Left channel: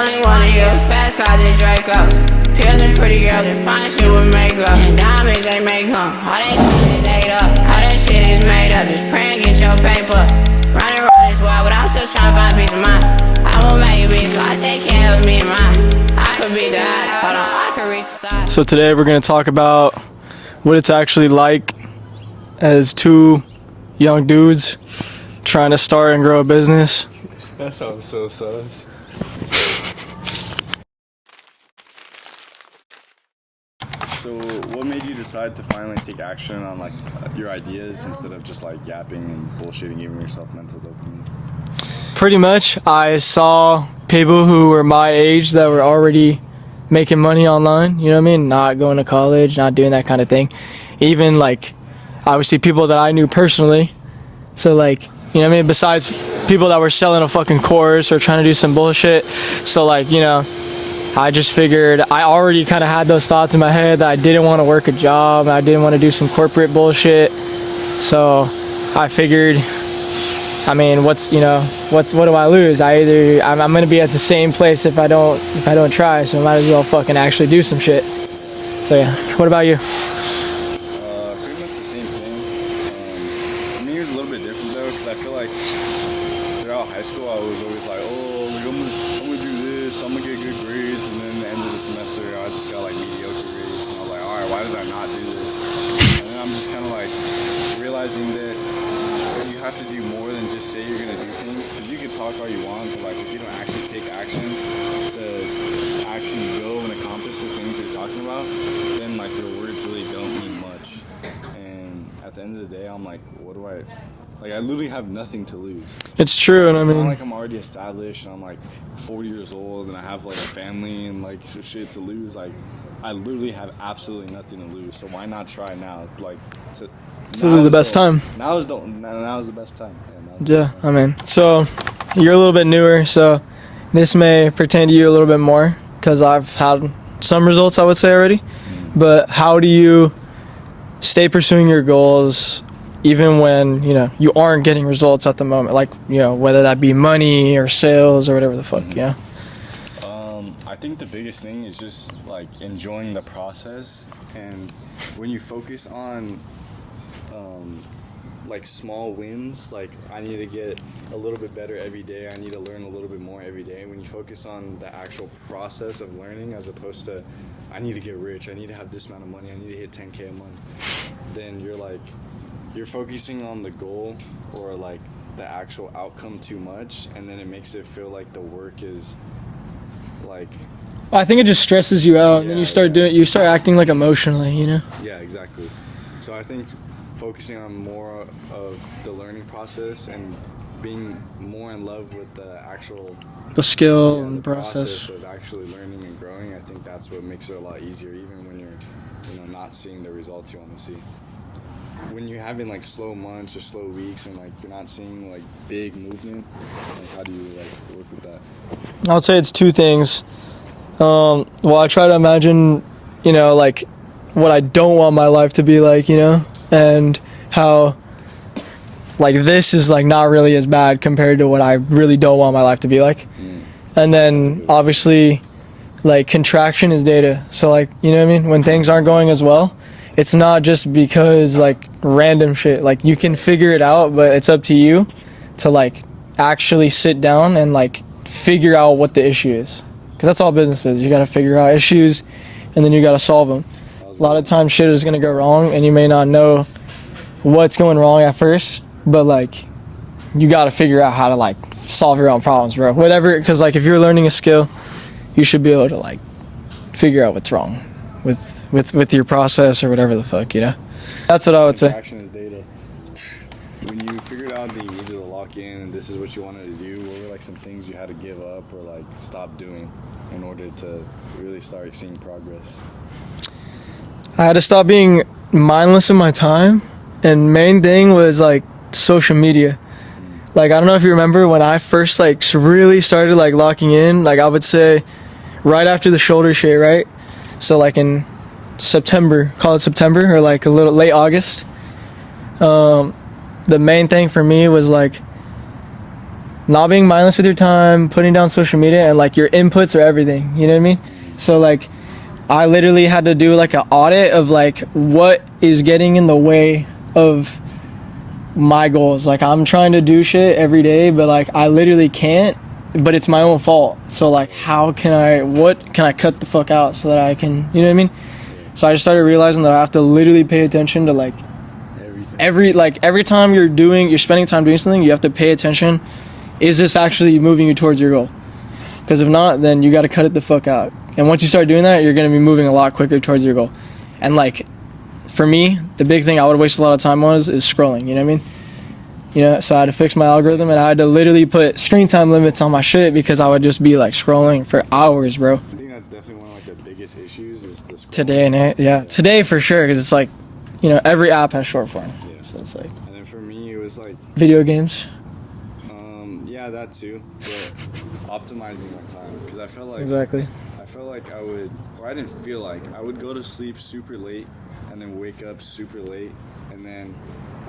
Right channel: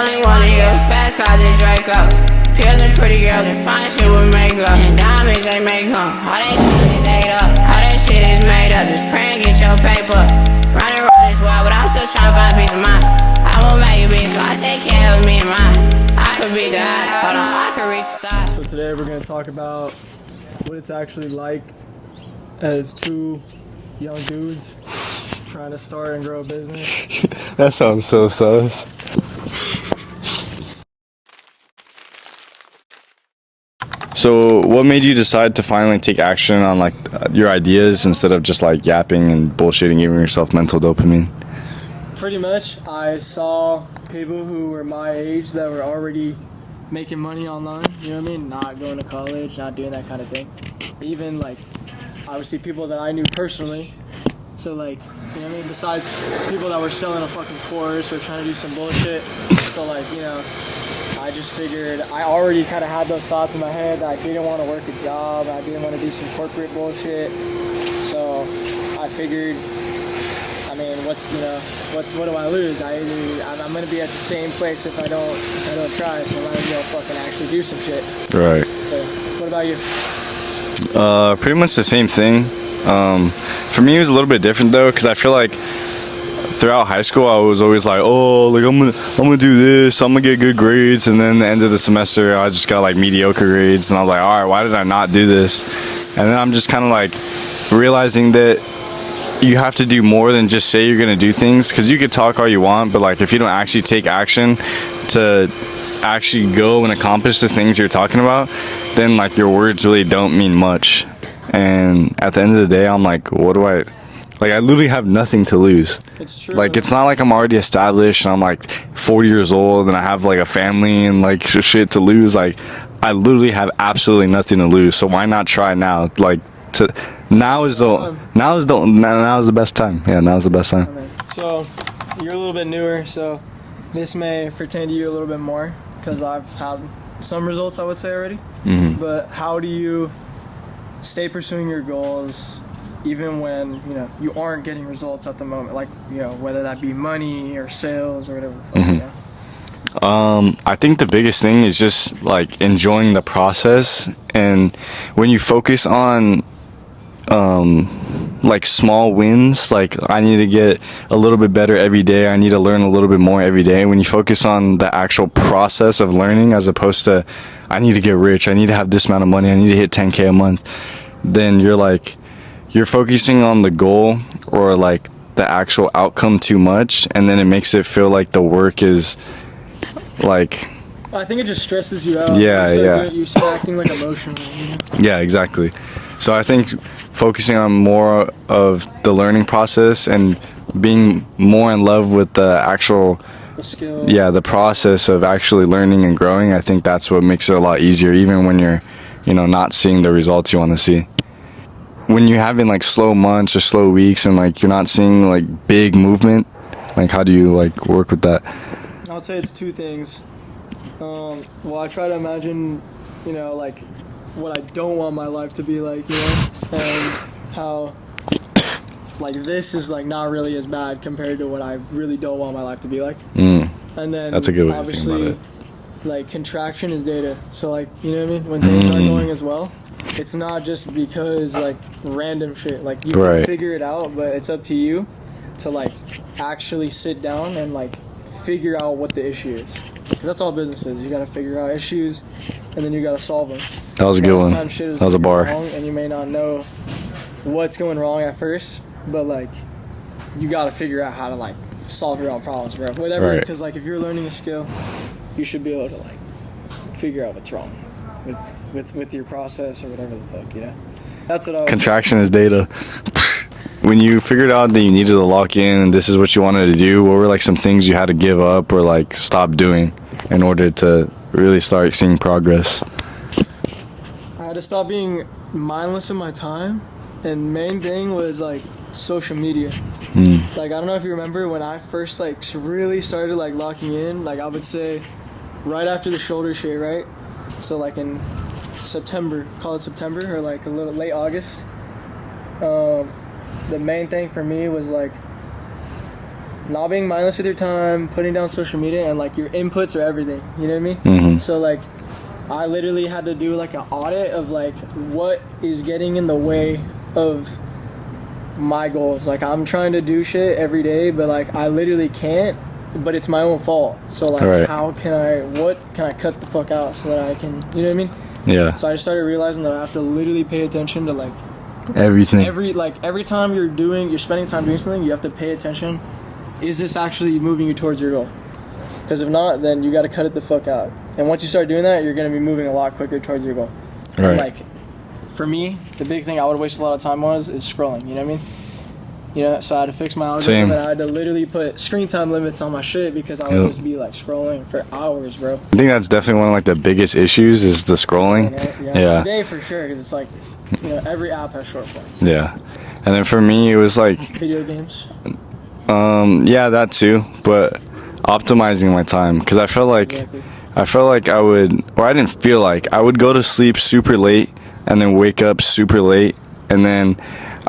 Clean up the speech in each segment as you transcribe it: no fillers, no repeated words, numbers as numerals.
only wanna hear fast cars and Dracos. Pills and pretty girls and fine shit with makeup. And diamonds they make them. All that shit is ate up. All that shit is made up. Just pray and get your paper. Running around this world, but I'm still trying to find peace of mind. I won't make it big, so I take care of me and mine. I could beat the odds. Hold on, I could reach the stars. So today we're gonna talk about what it's actually like as two young dudes trying to start and grow a business. That sounds so sus. So what made you decide to finally take action on like your ideas instead of just like yapping and bullshitting, giving yourself mental dopamine? Pretty much, I saw people who were my age that were already making money online, you know what I mean? Not going to college, not doing that kind of thing. Even like, obviously people that I knew personally. So like, you know what I mean? Besides people that were selling a fucking course or trying to do some bullshit. So like, you know, I just figured I already kind of had those thoughts in my head that I didn't want to work a job. I didn't want to do some corporate bullshit. So I figured, I mean, what do I lose? I'm gonna be at the same place if I don't try. So I might as well fucking actually do some shit. Right. So yeah. What about you? Pretty much the same thing. For me, it was a little bit different though, because I feel like throughout high school, I was always like, oh, like I'm gonna do this, I'm gonna get good grades, and then the end of the semester, I just got like mediocre grades, and I was like, all right, why did I not do this? And then I'm just kind of like realizing that you have to do more than just say you're gonna do things, because you could talk all you want, but like if you don't actually take action to actually go and accomplish the things you're talking about, then like your words really don't mean much. And at the end of the day, I'm like, what do I... Like, I literally have nothing to lose. It's true. Like, it's not like I'm already established and I'm, like, 40 years old and I have, like, a family and, like, shit to lose. Like, I literally have absolutely nothing to lose. So why not try now? Like, now is the best time. Now is the best time. Yeah, now is the best time. I mean, so you're a little bit newer, so this may pertain to you a little bit more because I've had some results, I would say, already. Mm-hmm. But how do you stay pursuing your goals even when, you know, you aren't getting results at the moment, like, you know, whether that be money or sales or whatever the fuck, mm-hmm. you know? I think the biggest thing is just like enjoying the process, and when you focus on like small wins, like I need to get a little bit better every day, I need to learn a little bit more every day. When you focus on the actual process of learning as opposed to I need to get rich, I need to have this amount of money, I need to hit 10K a month, then you're focusing on the goal or like the actual outcome too much, and then it makes it feel like the work is like, I think it just stresses you out. Yeah, you start acting like emotionally, you know? Yeah, exactly. So I think focusing on more of the learning process and being more in love with the skill, the process of actually learning and growing, I think that's what makes it a lot easier, even when you're, you know, not seeing the results you want to see. When you're having like slow months or slow weeks and like you're not seeing like big movement, like how do you like work with that? I would say it's two things. Well, I try to imagine, you know, like what I don't want my life to be like, you know, and how like this is like not really as bad compared to what I really don't want my life to be like. And then obviously like contraction is data. So like, you know what I mean? When things aren't going as well, it's not just because like random shit, like you can figure it out, but it's up to you to like actually sit down and like figure out what the issue is, because that's all business is. You got to figure out issues and then you got to solve them. That was a good one. A lot of times shit is gonna go wrong and you may not know what's going wrong at first, but like you got to figure out how to like solve your own problems, bro, whatever. Because like if you're learning a skill, you should be able to like figure out what's wrong with your process or whatever the fuck, you know? That's what I would say. Contraction is data. When you figured out that you needed to lock in and this is what you wanted to do, what were like some things you had to give up or like stop doing in order to really start seeing progress? I had to stop being mindless in my time, and main thing was like social media. Like, I don't know if you remember when I first like really started like locking in, like I would say right after the shoulder shit, right? So like in September, call it September, or like a little late August. The main thing for me was like not being mindless with your time, putting down social media, and like your inputs are everything. You know what I mean? Mm-hmm. So like, I literally had to do like an audit of like what is getting in the way of my goals. Like I'm trying to do shit every day, but like I literally can't. But it's my own fault. So like, Right. what can I cut the fuck out so that I can, you know what I mean? Yeah. So I just started realizing that I have to literally pay attention to like Everything. every time you're spending time doing something, you have to pay attention. Is this actually moving you towards your goal? Because if not, then you got to cut it the fuck out. And once you start doing that, you're going to be moving a lot quicker towards your goal. Right. And like, for me, the big thing I would waste a lot of time on is scrolling. You know what I mean? You know, so I had to fix my algorithm. Same. And I had to literally put screen time limits on my shit because I would just be like scrolling for hours, bro. I think that's definitely one of like the biggest issues is the scrolling. Today, today for sure, because it's like, you know, every app has short form. Yeah. It's like And then for me, it was like, video games. yeah, that too, but optimizing my time because I felt like Exactly. I would go to sleep super late and then wake up super late and then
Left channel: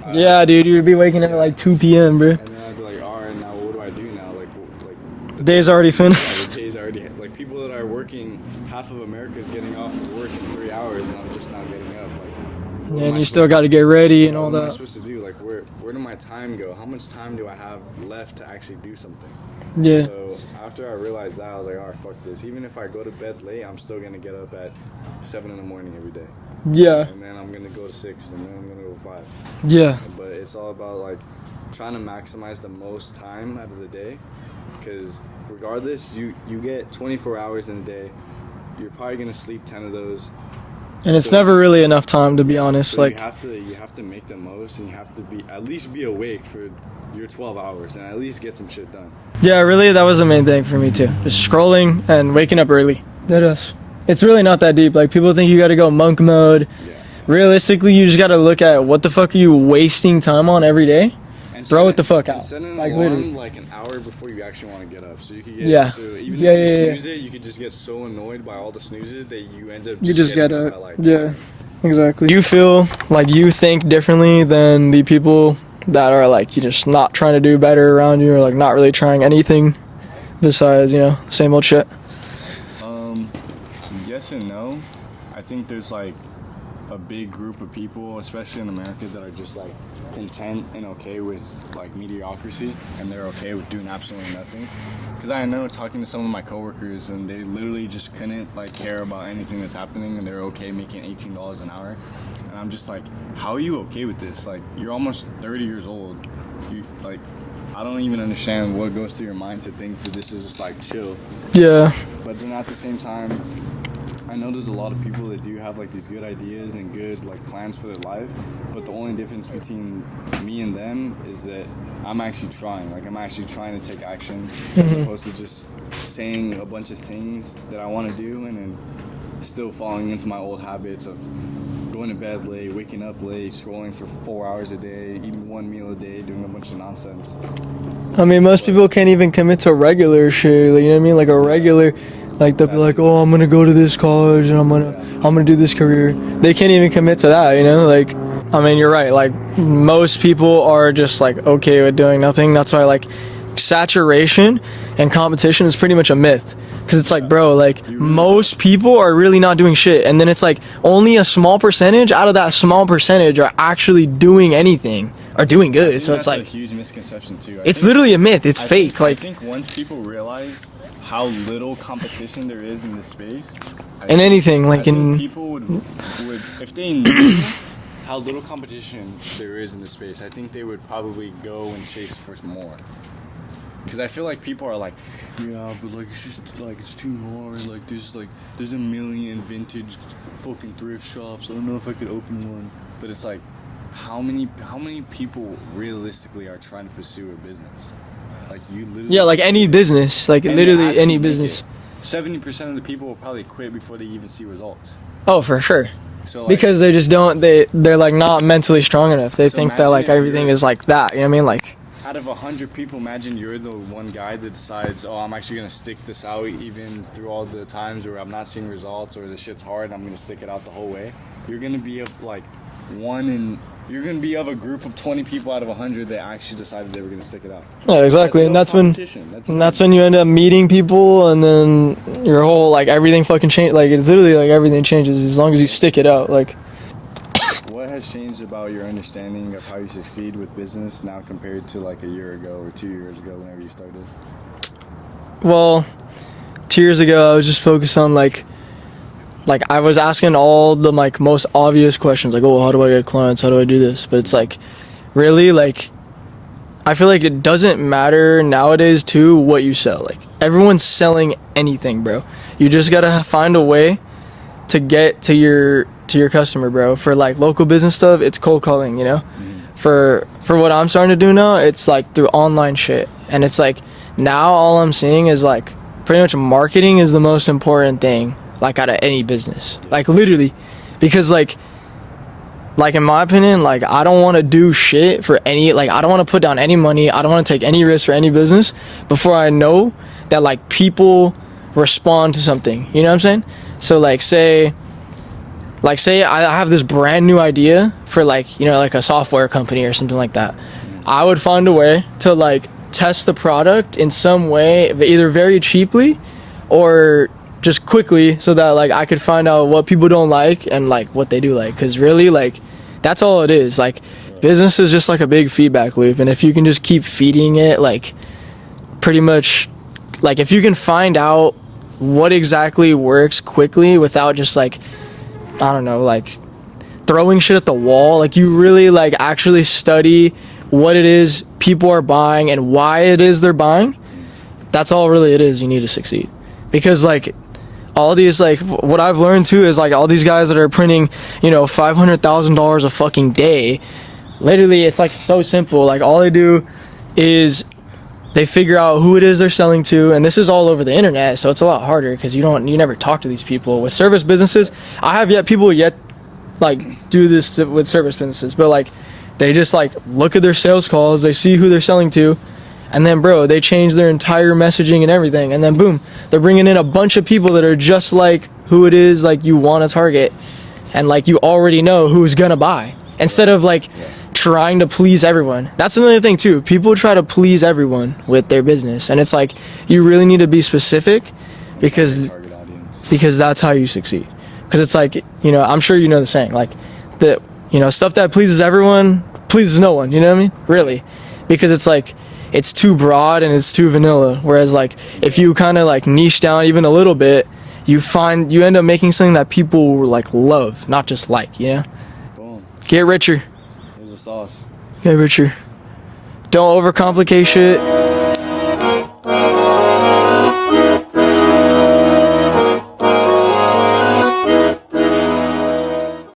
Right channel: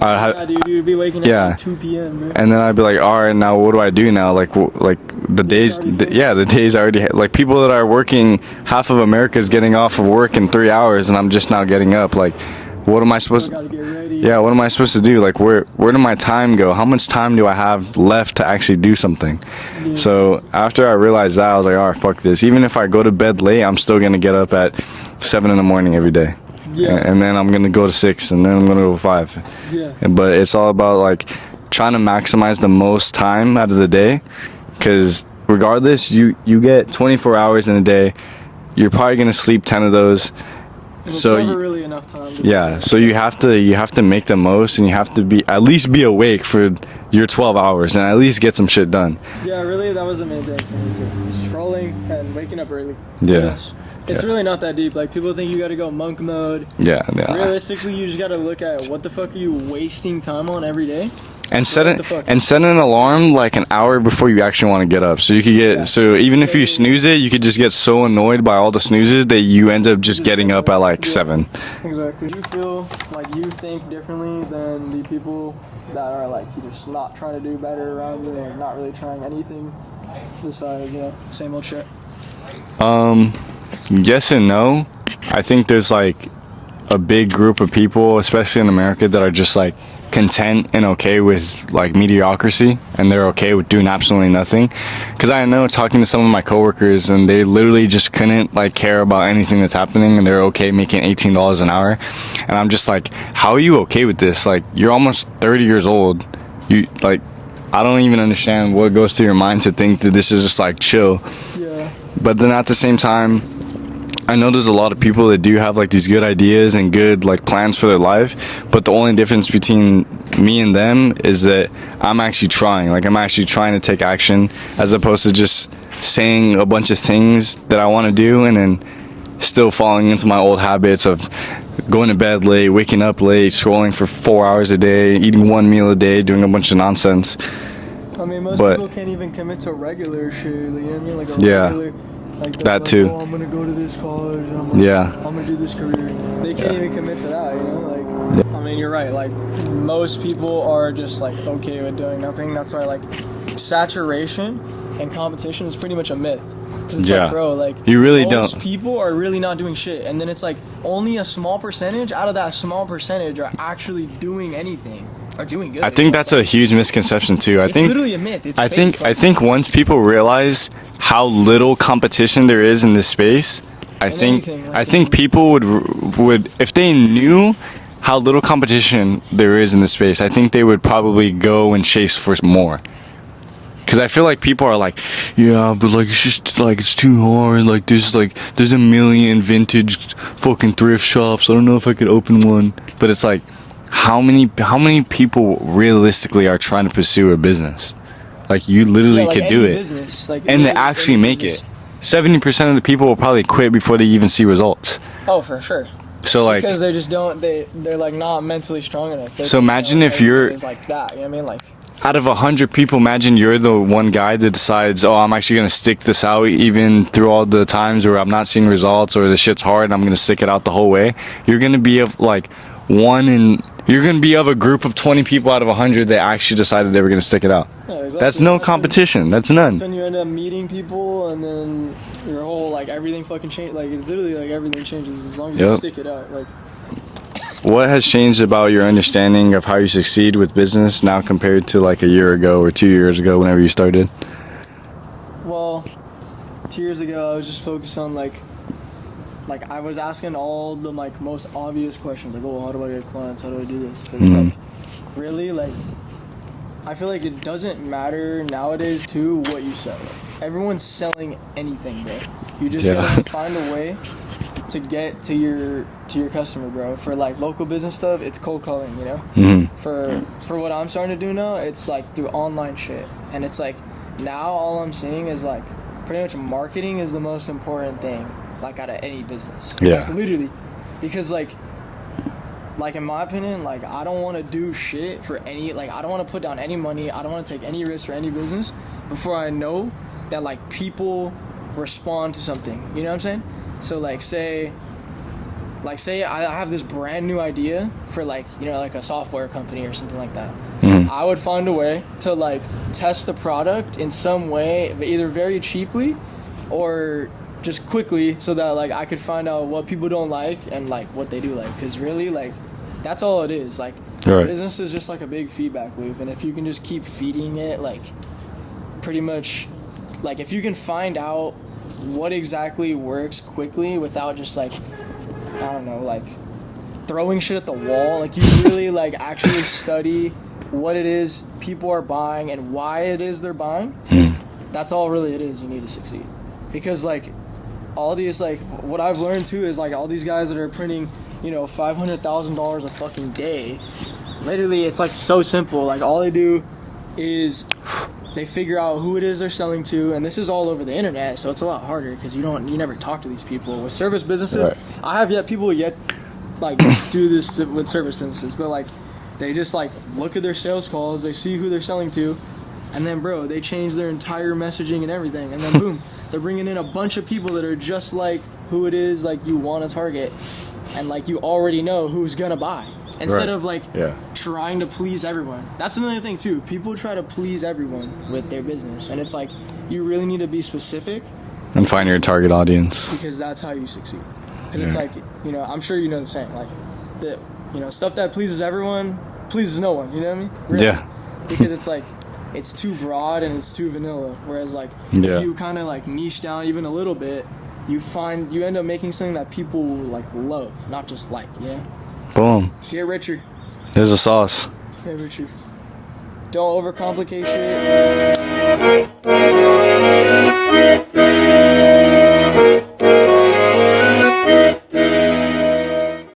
Yeah, dude, you would be waking up Yeah. at like 2 p.m., bro. and then I'd be like, all right, now what do I do now? Like the Day's already finished. Yeah, the day's already like people that are working. Half of America is getting off of work in 3 hours, and I'm just now getting up. Like, what am I You supposed? still got to get ready. Yeah, what am I supposed to do? Like, where did my time go? How much time do I have left to actually do something? Yeah. So after I realized that, I was like, all right, fuck this. Even if I go to bed late, I'm still gonna get up at 7 in the morning every day. Yeah. And then I'm gonna go to 6, and then I'm gonna go to 5. Yeah. But it's all about like trying to maximize the most time out of the day, because regardless, you get 24 hours in a day. You're probably gonna sleep 10 of those. And it's So never really enough time, to be honest. So Like, you have to make the most, and you have to at least be awake for your 12 hours and at least get some shit done. yeah, really, that was the main thing for me, too. Just scrolling and waking up early. Yeah. It's really not that deep. Like, people think you got to go monk mode. Yeah. Realistically, you just got to look at what the fuck are you wasting time on every day? And Throw set it the fuck out. and set an alarm like an hour before you actually want to get up, so you could get Yeah. so even if Yeah, you yeah, snooze it, you could just get so annoyed by all the snoozes that you end up just getting up at like 7. Exactly. You feel like you think differently than the people that are like you just not trying to do better around you, or like not really trying anything besides, you know, same old shit. Yes and no. I think there's like a big group of people, especially in America, that are just like content and okay with like mediocrity, and they're okay with doing absolutely nothing. Because I know talking to some of my coworkers, and they literally just couldn't like care about anything that's happening, and they're okay making $18 an hour. And I'm just like, how are you okay with this? Like, you're almost 30 years old. You like, I don't even understand what goes through your mind to think that this is just like chill. Yeah. But then at the same time, I know there's a lot of people that do have like these good ideas and good like plans for their life, but the only difference between me and them is that I'm actually trying. Like, I'm actually trying to take action, as opposed to just saying a bunch of things that I want to do and then still falling into my old habits of going to bed late, waking up late, scrolling for 4 hours a day, eating one meal a day, doing a bunch of nonsense. I mean, most But- people can't even commit to regular shit. Like, you know what I mean? Like a Yeah. regular, like they'll be That like, too. oh, I'm gonna go to this college and I'm gonna do this career. They can't even commit to that. You know, like, I mean, you're right. Like, most people are just like okay with doing nothing. That's why like saturation and competition is pretty much a myth. Because it's Yeah. like, bro, like You really most don't. people are really not doing shit, and then it's like only a small percentage out of that small percentage are actually doing anything, are doing good. I think So that's it's a like, huge misconception too. it's literally a myth. It's fake. I think once people realize how little competition there is in this space, I think, anything, like I think in- people would if they knew how little competition there is in this space, I think they would probably go and chase for more. Because I feel like people are like, yeah, but like it's just like it's too hard. Like there's a million vintage fucking thrift shops. I don't know if I could open one. But it's like, how many people realistically are trying to pursue a business? Like, you literally yeah, like could do any it business, like and literally actually any make business. it. 70% of the people will probably quit before they even see results. Oh, for sure. So like, Because they just don't. They're like not mentally strong enough. They So think that imagine like if everything you're- is like that. You know what I mean? Like, out of 100 people, imagine you're the one guy that decides, oh, I'm actually gonna stick this out even through all the times where I'm not seeing results or the shit's hard, and I'm gonna stick it out the whole way. You're gonna be like you're gonna be of a group of 20 people out of 100 that actually decided they were gonna stick it out. Yeah, exactly. That's no that's competition. That's none. That's when you end up meeting people, and then your whole like everything fucking change. Like it's literally like everything changes as long as you stick it out. Like, what has changed about your understanding of how you succeed with business now compared to like a year ago or 2 years ago, whenever you started? well, 2 years ago I was just focused on like I was asking all the like most obvious questions, like, oh, how do I get clients? How do I do this? But it's like, really, like, I feel like it doesn't matter nowadays too what you sell. Like everyone's selling anything, bro. You just gotta find a way to get to your customer, bro. For like local business stuff, it's cold calling, you know. For what I'm starting to do now, it's like through online shit, and it's like now all I'm seeing is like pretty much marketing is the most important thing, like out of any business, like literally, because like in my opinion, like I don't want to do shit for any, like I don't want to put down any money, I don't want to take any risk for any business before I know that like people respond to something, you know what I'm saying? So like say I have this brand new idea for like, you know, like a software company or something like that. I would find a way to like test the product in some way, either very cheaply or just quickly, so that like I could find out what people don't like and like what they do like, because really like that's all it is. Like business is just like a big feedback loop, and if you can just keep feeding it, like pretty much, like if you can find out what exactly works quickly without just like, I don't know, like throwing shit at the wall, like you really like actually study what it is people are buying and why it is they're buying, that's all really it is. You need to succeed, because like all these, like what I've learned too is like all these guys that are printing, you know, $500,000 a fucking day, literally it's like so simple. Like all they do is they figure out who it is they're selling to, and this is all over the internet, so it's a lot harder because you never talk to these people. With service businesses, I have people like do this with service businesses, but like they just like look at their sales calls, they see who they're selling to, and then bro, they change their entire messaging and everything, and then boom, they're bringing in a bunch of people that are just like who it is like you want to target, and like you already know who's gonna buy, instead of like trying to please everyone. That's another thing too. People try to please everyone with their business, and it's like you really need to be specific and find your target audience, because that's how you succeed. Because it's like, you know, I'm sure you know the saying, like the, you know, stuff that pleases everyone pleases no one, you know what I mean? Really. Because it's like it's too broad and it's too vanilla, whereas like if you kind of like niche down even a little bit, you end up making something that people like love, not just like, you know. Boom. Get richer. There's a sauce. Get richer. Don't overcomplicate shit.